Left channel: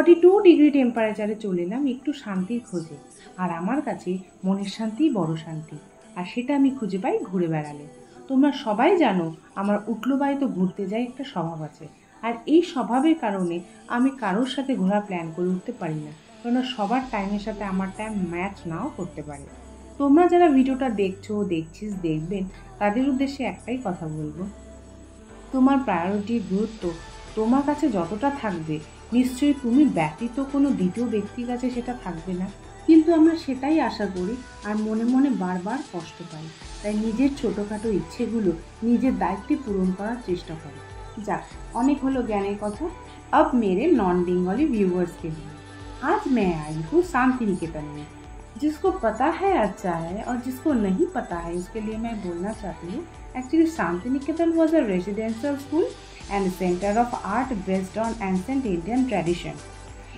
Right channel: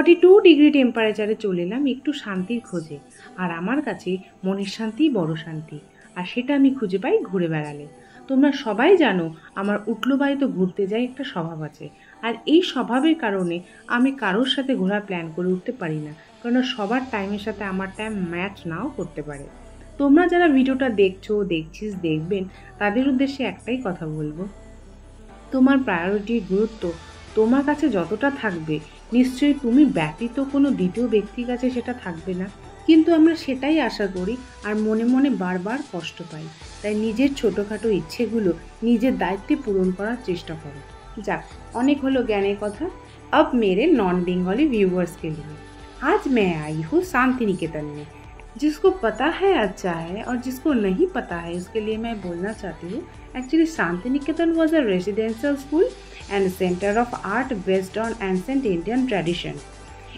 42 degree টেম্পারেচারে চলে এলাম একটু শান্তির খোঁজে। আর আমার কাছে মনের শান্তিই বড় শান্তি, আর সেটা আমি খুঁজে পাই ঘুরে বেড়ালে। তোমরা সবাই জানো আমার উঠলো বাড়িতে ঘুরতে যাই একটা স্বভাব আছে, আর এই স্বভাবের কারণে আমি কারোর সাথে ঘোরা প্ল্যান করে উঠতে পারি না, কারণ সবার টাইমের সাথে আমার টাইম ম্যাচ নাও করতে পারে। তোমরা যারা ভিডিওটা দেখছিস দেখবেন, তাদের উদ্দেশ্যে একটাই কথা বলবো, তোমার প্রায়োরিটির গুরুত্ব তোমার কাছে যতটা থাকবে, নিশ্চয়ই তুমি ব্যতীত কোনো দ্বিতীয় ব্যক্তির কাছে সেটা থাকবে না। কিন্তু আমরা সেটাই আশা করি আর মনে মনে বারবার কষ্ট পাই। তাই নিজের ছোটোখাটো ইচ্ছেগুলো নিজের দায়িত্বে পূরণ করার চেষ্টা করো। যাক, অনেক হলো জ্ঞানের কথা। अब मेरे नॉन बंगाली व्यूअर्स के लिए आज मैं आई हूँ शांति निकेतन में। जिसको पता है अच्छा है, और जिसको नहीं पता है उसके लिए मैं बोलना चाहती हूँ, actually Shanti Niketan was a residential school and a center of art based on ancient Indian tradition.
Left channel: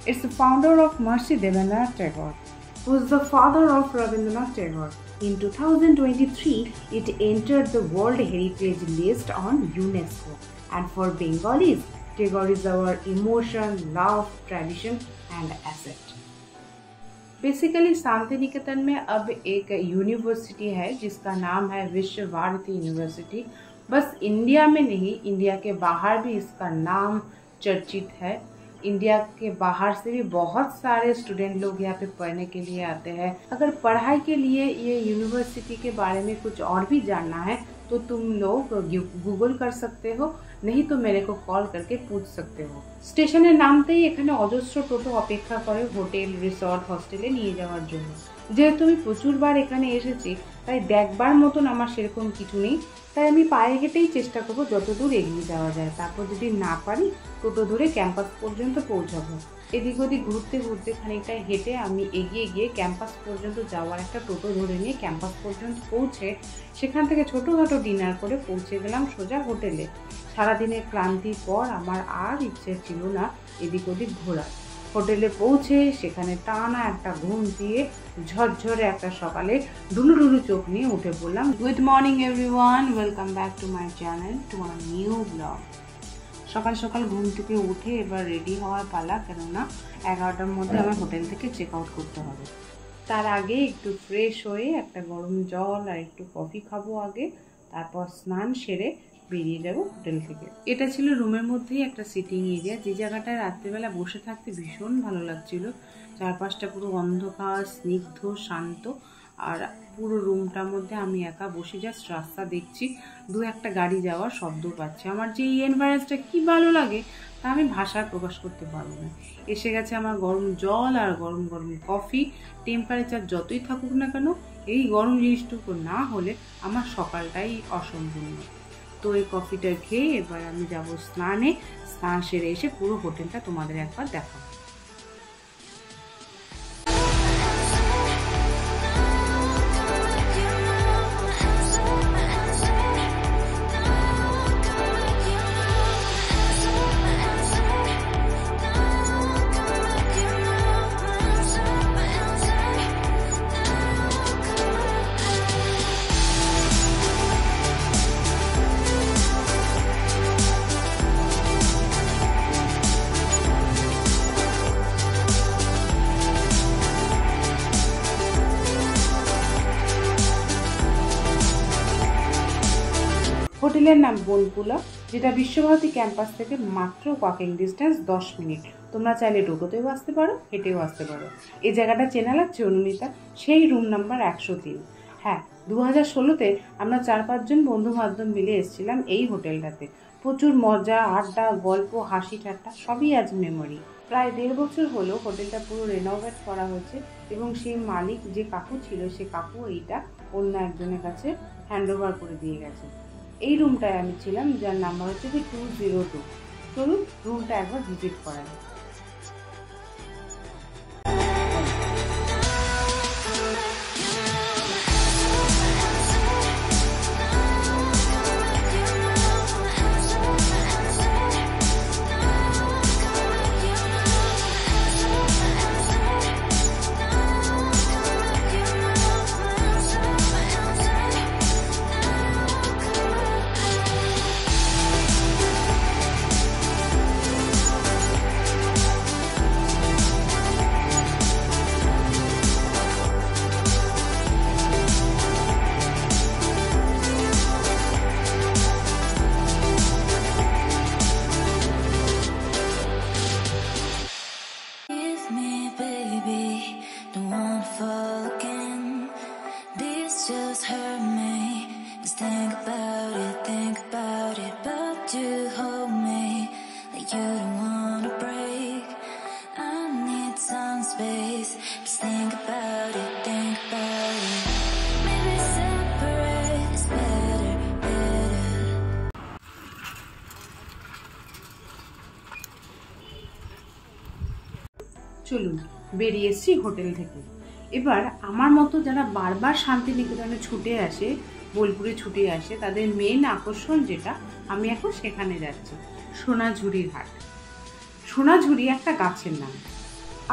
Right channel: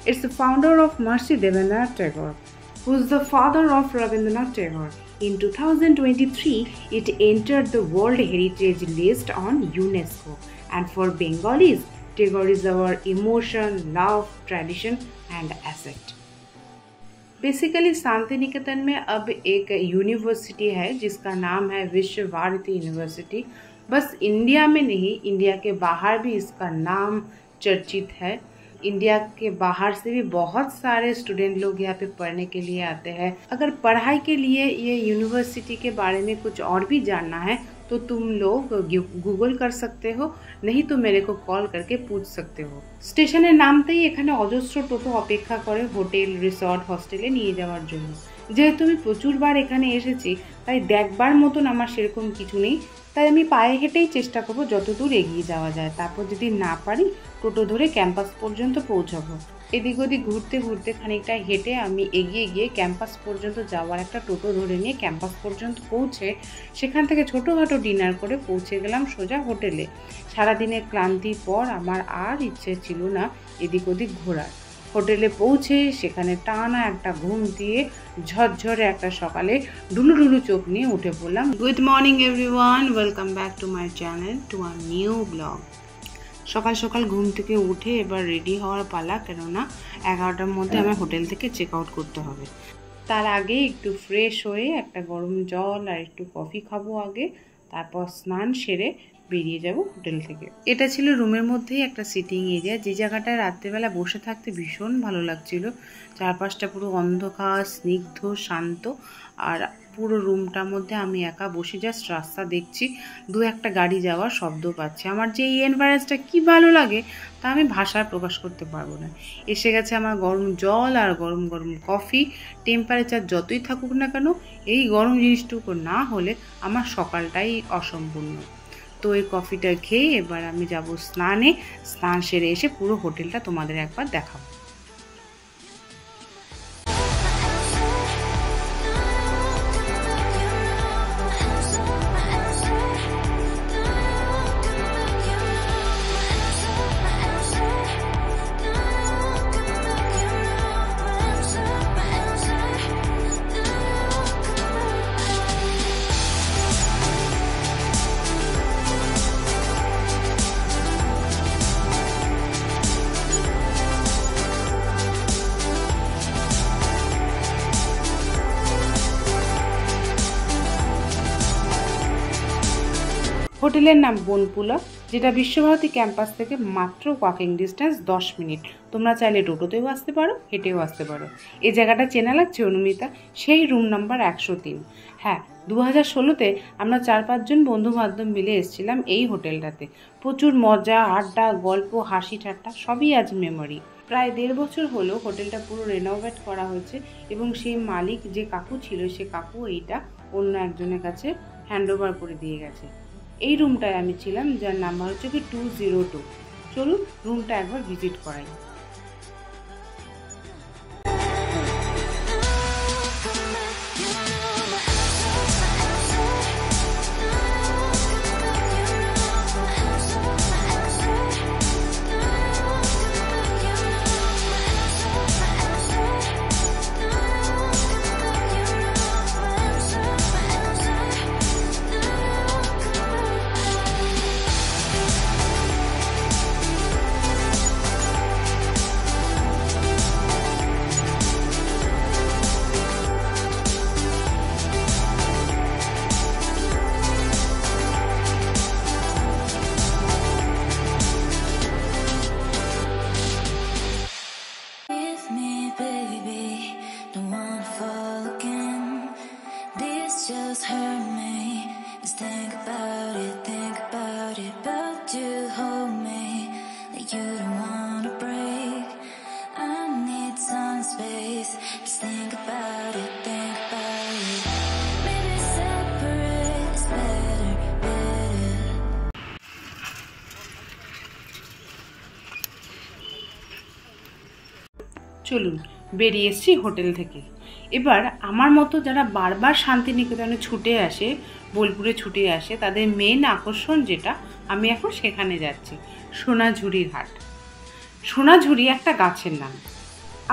It's the founder of Maharishi Devendranath Tagore, who is the father of Rabindranath Tagore. In 2023, it entered the World Heritage List on UNESCO. And for Bengalis, Tagore is our emotion, love, tradition and asset. Basically Santiniketan में अब एक university है जिसका नाम है विश्व Bharti university. बस India में नहीं, इंडिया के बाहर भी इसका नाम चर्चित है। इंडिया के बाहर से भी बहुत सारे स्टूडेंट लोग यहाँ पे पढ़ने के लिए आते हैं। अगर पढ़ाई के लिए ये यूनिवर्सिटी के बारे में कुछ और भी जानना है तो तुम लोग गूगल कर सकते हो, नहीं तो मेरे को कॉल करके पूछ सकते हो। স্টেশনের নামতেই এখানে অজস্র টোটো অপেক্ষা করে হোটেল, রিসর্ট, হস্টেলে নিয়ে যাওয়ার জন্য। যেহেতু আমি প্রচুরবার এখানে এসেছি, তাই দেখবার মতন আমার সেরকম কিছু নেই, তাই আমি পায়ে হেঁটেই চেষ্টা করবো যতদূর এগিয়ে যাওয়া যায়। তারপর যদি না পারি টোটো ধরে ক্যাম্পাস পর্যন্ত পৌঁছাবো। এদিক ওদিক ঘুরতে ঘুরতে খানিকটা হেঁটে আমি এগিয়ে গিয়ে ক্যাম্পাস পর্যন্ত যাওয়ার একটা টোটো ধরে নিয়ে ক্যাম্পাস পর্যন্ত পৌঁছে সেখান থেকে ছোটোখাটো ডিনার করে পৌঁছে গেলাম সোজা হোটেলে। সারাদিনের ক্লান্তির পর আমার আর ইচ্ছে ছিল না এদিক ওদিক ঘোরার। হোটেলে পৌঁছে সেখানে টানা একটা ঘুম দিয়ে ঝরঝরে একটা সকালে ঢুলু ঢুলু চোখ নিয়ে উঠে পড়লাম। Good morning everyone, welcome back to my channel, to a new blog. সকাল সকাল ঘুম থেকে উঠে এবার রেডি হওয়ার পালা, কেননা 11টার মধ্যে আমার হোটেল থেকে চেক আউট করতে হবে। তার আগে একটু ফ্রেশ হয়ে একটা গরম জল আর একটু কফি খাবো আগে, তারপর স্নান সেরে বেরিয়ে যাব হোটেল থেকে। এটা ছিল রুমের মধ্যেই একটা সিটিং এরিয়া, যে জায়গাটায় রাত্রেবেলা বসে থাকতে ভীষণ ভালো লাগছিল। চারপাশটা পুরো অন্ধকার, স্নিগ্ধ, শান্ত, আর পুরো রুমটার মধ্যে আমি একা বসে জাস্ট রাস্তা দেখছি, দু একটা গাড়ি যাওয়ার শব্দ পাচ্ছি। আমার যে এই এনভায়রনমেন্টটা কি ভালো লাগে তা আমি ভাষায় প্রকাশ করতে পারবো না। এসে গেছে আমার গরম জল আর গরম গরম কফি। টেম্পারেচার যতই থাকুক না কেন, এই গরম জিনিসটুকু না হলে আমার সকালটাই অসম্পূর্ণ। তো এই কফিটা খেয়ে এবার আমি যাব স্নানে। স্নান সেরে এসে পুরো হোটেলটা তোমাদের একবার দেখাবো। হোটেলের নাম বনপুলা, যেটা বিশ্বভারতী ক্যাম্পাস থেকে মাত্র ওয়াকিং ডিস্টেন্স 10 মিনিট। তোমরা চাইলে টোটোতেও আসতে পারো, হেঁটেও আসতে পারো। এই জায়গাটা চেনা লাগছে অনুমিতা, সেই রুম নাম্বার 103। হ্যাঁ, 2016-তে আমরা 4-5 জন বন্ধু বান্ধব মিলে এসেছিলাম এই হোটেলটাতে। প্রচুর মজা, আড্ডা, গল্প, হাসি ঠাট্টা সবই আজ মেমোরি। প্রায় 1.5 বছর হলো হোটেলটা পুরো রেনোভেট করা হয়েছে, এবং সেই মালিক যে কাকু ছিল সে কাকু এইটা অন্য একজনের কাছে হ্যান্ড ওভার করে দিয়ে গেছে। এই রুমটায় আমি ছিলাম, যার নাম্বার হচ্ছে কি 202। চলুন রুমটা একবার ভিজিট করাই। baby, don't wanna fall again. This just hurt me. Just think about it, but you hold me like you don't wanna break. I need some space. Just think about it, maybe separate is better, better. চলুন বেরিয়ে এসেছি hotel থেকে। এবার আমার মতো যারা বারবার শান্তিনিকেতনে ছুটে আসে, বোলপুরে ছুটে আসে, তাদের মেন আকর্ষণ যেটা, আমি এখন সেখানে যাচ্ছি, সোনাঝুরির হাট। সোনাঝুরি একটা গাছের নাম,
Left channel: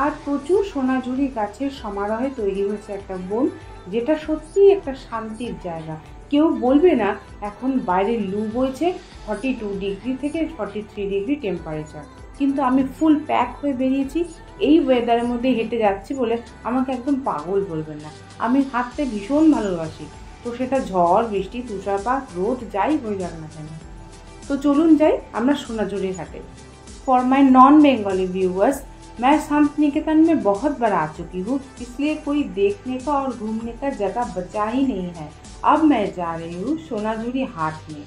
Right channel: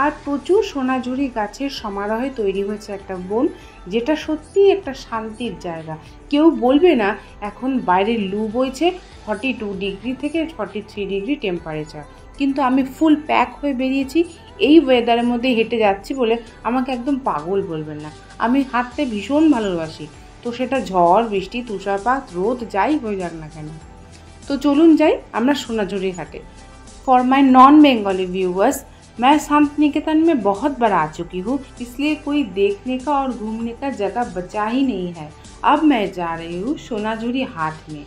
আর প্রচুর সোনাঝুরি গাছের সমারোহে তৈরি হয়েছে একটা বন, যেটা সত্যিই একটা শান্তির জায়গা। কেউ বলবে না এখন বাইরে লু বইছে 42 ডিগ্রি থেকে 43 ডিগ্রি টেম্পারেচার, কিন্তু আমি ফুল প্যাক হয়ে বেরিয়েছি। এই ওয়েদারের মধ্যে হেঁটে যাচ্ছি বলে আমাকে একদম পাগল বলবেন না। আমি হাঁটতে ভীষণ ভালোবাসি, তো সেটা ঝড় বৃষ্টি তুষারপাত রোদ যাই হয়ে যাক না কেন। তো চলুন যাই আমরা সোনাঝুরি হাটে। For my non Bengali viewers, मैं शांतिनिकेतन में बहुत बार आ चुकी हूँ, इसलिए कोई देखने का और घूमने का जगह बचा ही नहीं है। अब मैं जा रही हूँ सोनाझुरी हाट में।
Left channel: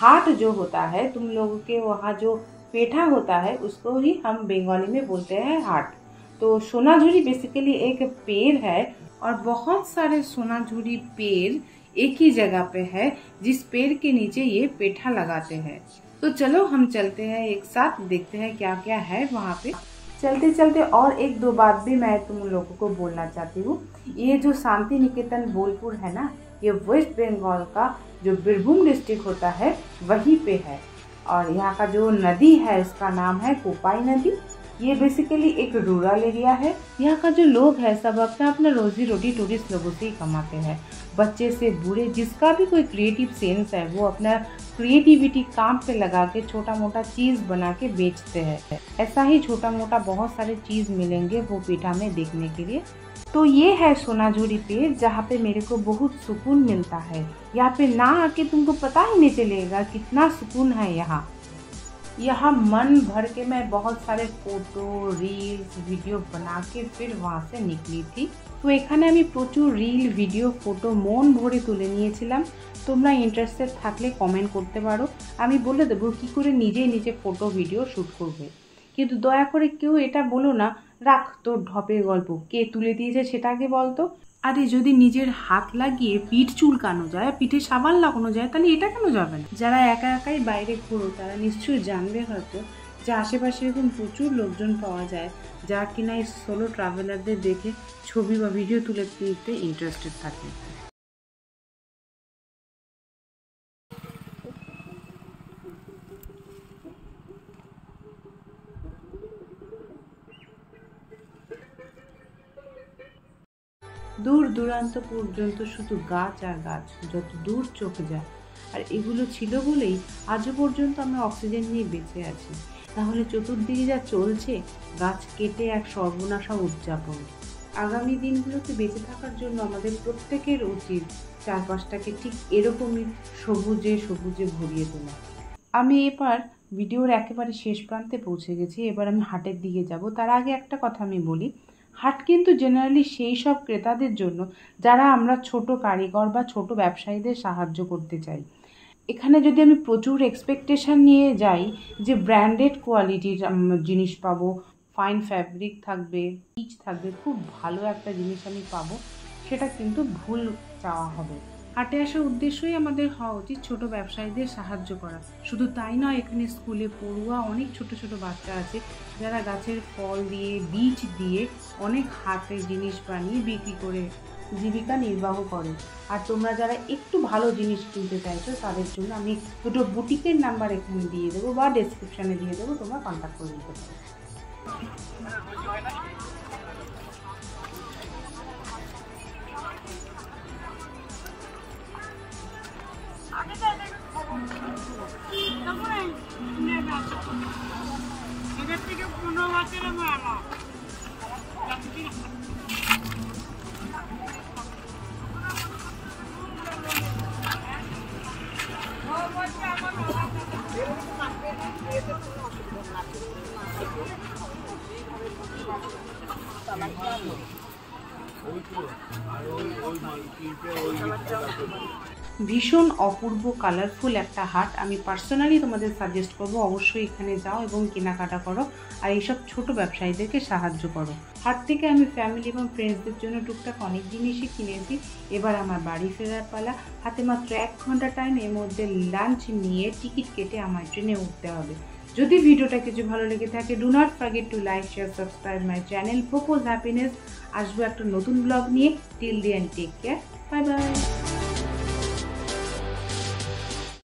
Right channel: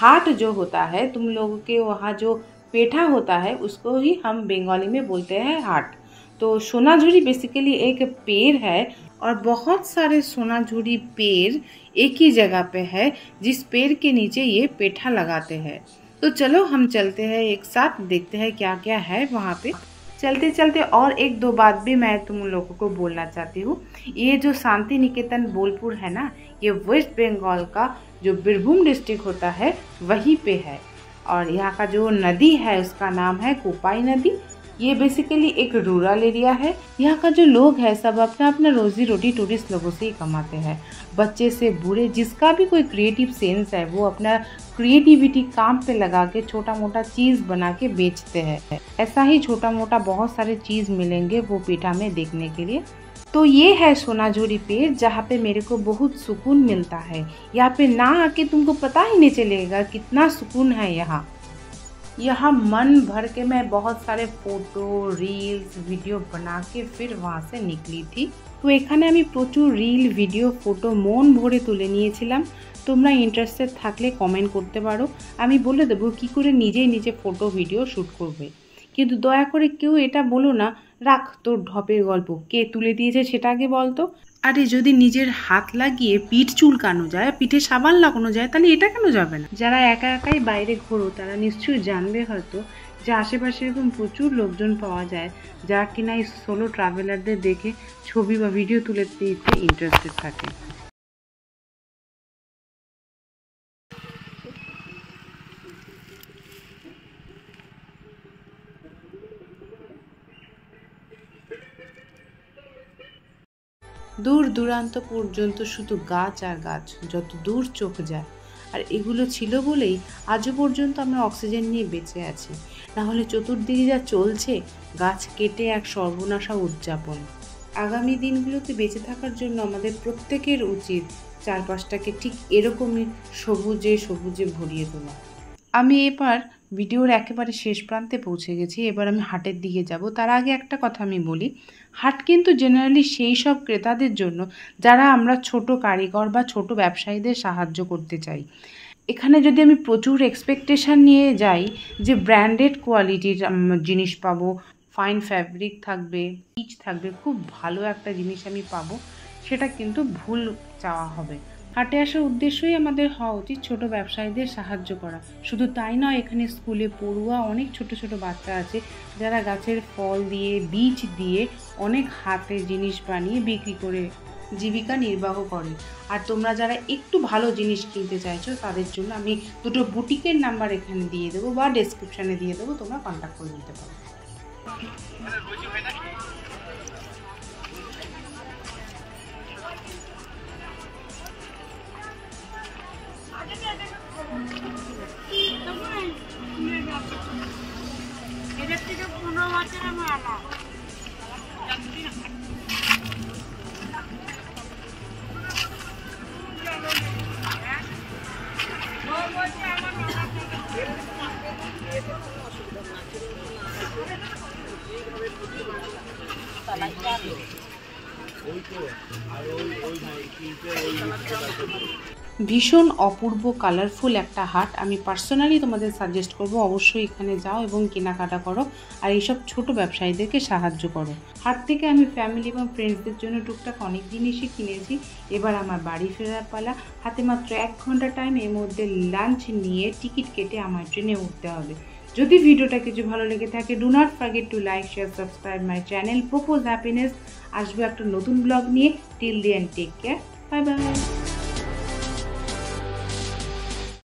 हाट जो होता है तुम लोगों के वहाँ जो पेठा होता है उसको ही हम बंगाली में बोलते हैं हाट। तो सोनाझुरी बेसिकली एक पेड़ है और बहुत सारे सोनाझुरी पेड़ एक ही जगह पे है, जिस पेड़ के नीचे ये पेठा लगाते हैं। तो चलो हम चलते हैं एक साथ, देखते हैं क्या क्या है वहाँ पे। चलते चलते और एक दो बात भी मैं तुम लोगों को बोलना चाहती हूँ। ये जो शांतिनिकेतन बोलपुर है ना, ये वेस्ट बंगाल का जो बीरभूम डिस्ट्रिक्ट होता है वहीं पे है। और यहाँ का जो नदी है उसका नाम है कोपाई नदी। ये बेसिकली एक रूरल एरिया है। यहाँ का जो लोग है सब अपना अपना रोजी रोटी टूरिस्ट लोगों से ही कमाते हैं। बच्चे से बूढ़े जिसका भी कोई क्रिएटिव सेंस है वो अपना क्रिएटिविटी काम पे लगा के छोटा मोटा चीज़ बना के बेचते हैं। ऐसा ही छोटा मोटा बहुत सारे चीज़ मिलेंगे वो पेठा में देखने के लिए। तो ये है सोनाझुरी पेड़, जहाँ पे मेरे को बहुत सुकून मिलता है। यहाँ पे ना आके तुमको पता ही नहीं चलेगा कितना सुकून है यहाँ। यहाँ मन भर के मैं बहुत सारे फोटो रील्स वीडियो बना के फिर वहाँ से निकली थी। तो এখানে আমি প্রচুর রিল ভিডিও ফটো মন ভরে তুলে নিয়েছিলাম। তোমরা ইন্টারেস্টেড থাকলে কমেন্ট করতে পারো, আমি বলে দেবো কী করে নিজে ফটো ভিডিও শ্যুট করবে। কিন্তু দয়া করে কেউ এটা বলো না রাখ তোর ঢপের গল্প, কে তুলে দিয়েছে সেটা আগে বলতো। আরে যদি নিজের হাত লাগিয়ে পিঠ চুলকানো যায়, পিঠে সাবান লাগানো যায়, তাহলে এটা কেন যাবে না? যারা একা একাই বাইরে ঘোরো তারা নিশ্চয়ই জানবে হয়তো যে আশেপাশে এরকম প্রচুর লোকজন পাওয়া যায় যা কিনা এই সোলো ট্রাভেলারদের দেখে ছবি বা ভিডিও তুলে দিতে ইন্টারেস্টেড থাকে। দূর দূরান্ত পর্যন্ত শুধু গাছ আর গাছ, যত দূর চোখ যায়। আর এগুলো ছিল বলেই আজও পর্যন্ত আমরা অক্সিজেন নিয়ে বেঁচে আছি, নাহলে চতুর্দিকে যা চলছে গাছ কেটে এক সর্বনাশা উদযাপন। আগামী দিনগুলোতে বেঁচে থাকার জন্য আমাদের প্রত্যেকের উচিত চারপাশটাকে ঠিক এরকমই সবুজে সবুজে ভরিয়ে তোলা। আমি এবার ভিডিওর একেবারে শেষ প্রান্তে পৌঁছে গেছি। এবার আমি হাটের দিকে যাব। তার আগে একটা কথা আমি বলি, হাট কিন্তু জেনারেলি সেই সব ক্রেতাদের জন্য যারা আমরা ছোট কারিগর বা ছোট ব্যবসায়ীদের সাহায্য করতে চাই। এখানে যদি আমি প্রচুর এক্সপেকটেশন নিয়ে যাই যে ব্র্যান্ডেড কোয়ালিটির জিনিস পাবো, ফাইন ফ্যাব্রিক থাকবে, পিচ থাকবে, খুব ভালো একটা জিনিস আমি পাবো, সেটা কিন্তু ভুল চাওয়া হবে। হাটে আসার উদ্দেশ্যই আমাদের হওয়া উচিত ছোট ব্যবসায়ীদের সাহায্য করা। শুধু তাই নয়, এখানে স্কুলে পড়ুয়া অনেক ছোট ছোট বাচ্চা আছে যারা গাছের ফল দিয়ে বীজ দিয়ে অনেক হাতের জিনিস বানিয়ে বিক্রি করে জীবিকা নির্বাহ করে। আর তোমরা যারা একটু ভালো জিনিস কিনতে চাইছো তাদের জন্য আমি দুটো বুটিকের নাম্বার এখানে দিয়ে দেবো বা ডেসক্রিপশানে দিয়ে দেবো, তোমরা কন্ট্যাক্ট করে নিতে পারো। ভীষণ অপূর্ব কালারফুল একটা হাট। আমি পার্সোনালি তোমাদের সাজেস্ট করব অবশ্যই এখানে যাও এবং কেনাকাটা করো আর এইসব ছোট ব্যবসায়ীদেরকে সাহায্য করো। হাট থেকে আমি ফ্যামিলি এবং ফ্রেন্ডসদের জন্য টুকটাক অনেক জিনিসই কিনেছি। এবার আমার বাড়ি ফেরার পালা। হাতে মাত্র 1 ঘন্টা টাইম, এর মধ্যে লাঞ্চ নিয়ে টিকিট কেটে আমার ট্রেনে উঠতে হবে। যদি ভিডিওটা কিছু ভালো লেগে থাকে, do not forget to like, share, subscribe my channel propose happiness. আসবো একটা নতুন ব্লগ নিয়ে। Till then take care, bye by.